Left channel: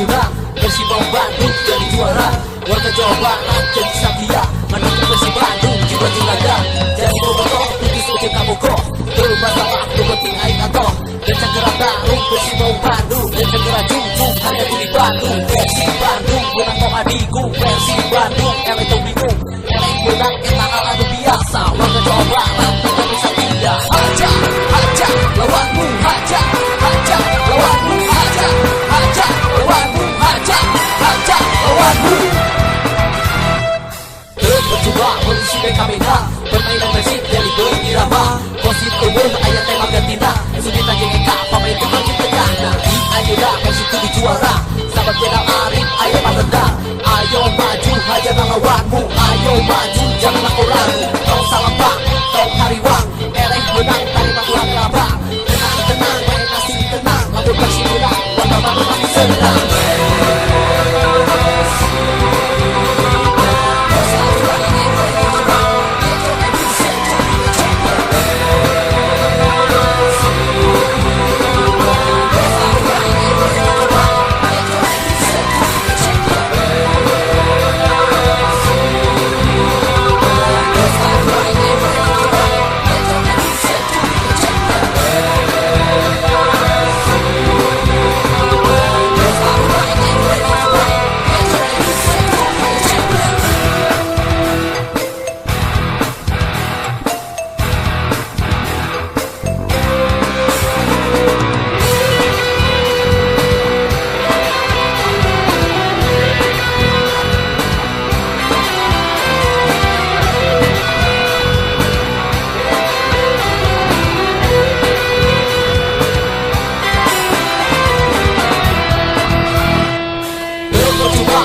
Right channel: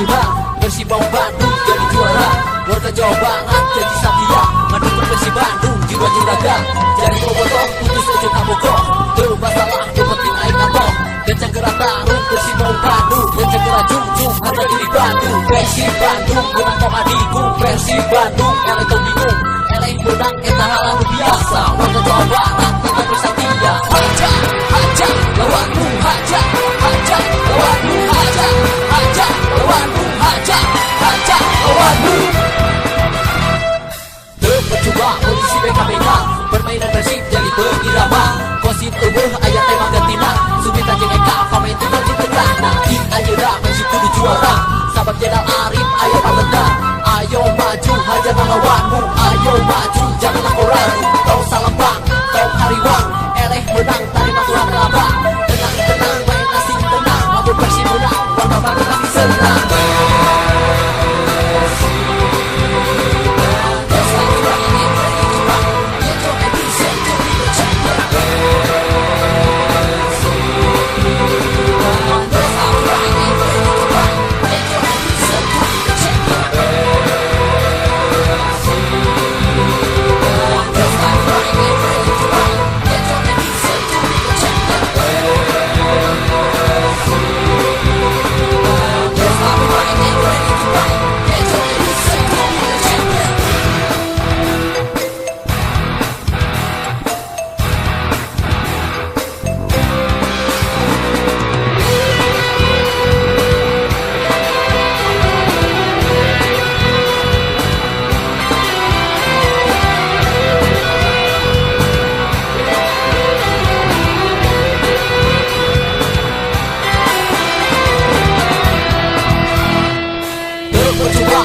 tunang, Persibau Bandung jadi juara. Warga Jawa Barat jadi satria, mendukung Persib Bandung jiwa juraga. Jadi bobotoh putus ujung kabogoh, bermasalah penting aing atoh. Kencang gerak tarung Persibau Bandung, kencang gerak junjung harga diri Bandung. Persib Bandung menang kau adikku, Persib Bandung elek tau bingung, elek menang eta hal anu biasa. Warga Jawa Barat tetap bersatria, hajar hajar lawanmu, hajar hajar lawanmu, hajar hajar lawanmu, hajar hajar lawanmu. Terpercuma polisi BKBK, permainan Persib jadi berirama. Kosit eueuh aya tema gantina, Sugita jeung Eka pamain tunggal di tengahna. Di ayeuna Persib kudu juara, sahabat Jenderal Arif aya patenda. Ayo maju hajar lawanmu, ayo maju janganlah kau ragu. Tong salembang, tong hariwang, eleh menang tarima Tuhan rabang. Tenang tenang bae nasib tenang, lamun Persib menang warga Bandung pasti senang.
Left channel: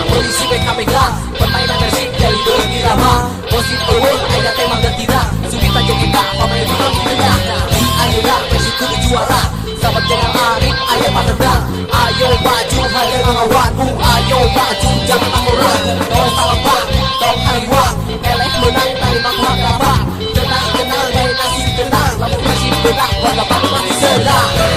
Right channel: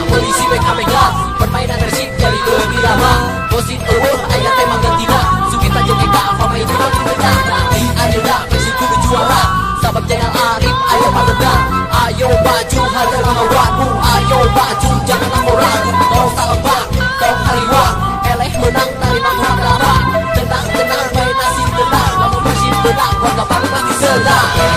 Polisi BKBK, permainan Persib jadi berirama. Kosit eueuh aya tema gantina, Sugita jeung Eka pamain tunggal di tengahna. Di ayeuna Persib kudu juara, sahabat Jenderal Arif aya patenda. Ayo maju hajar lawanmu, ayo maju janganlah kau ragu. Tong salembang, tong hariwang, eleh menang tarima Tuhan rabang. Tenang tenang bae nasib tenang, lamun Persib menang warga Bandung pasti senang.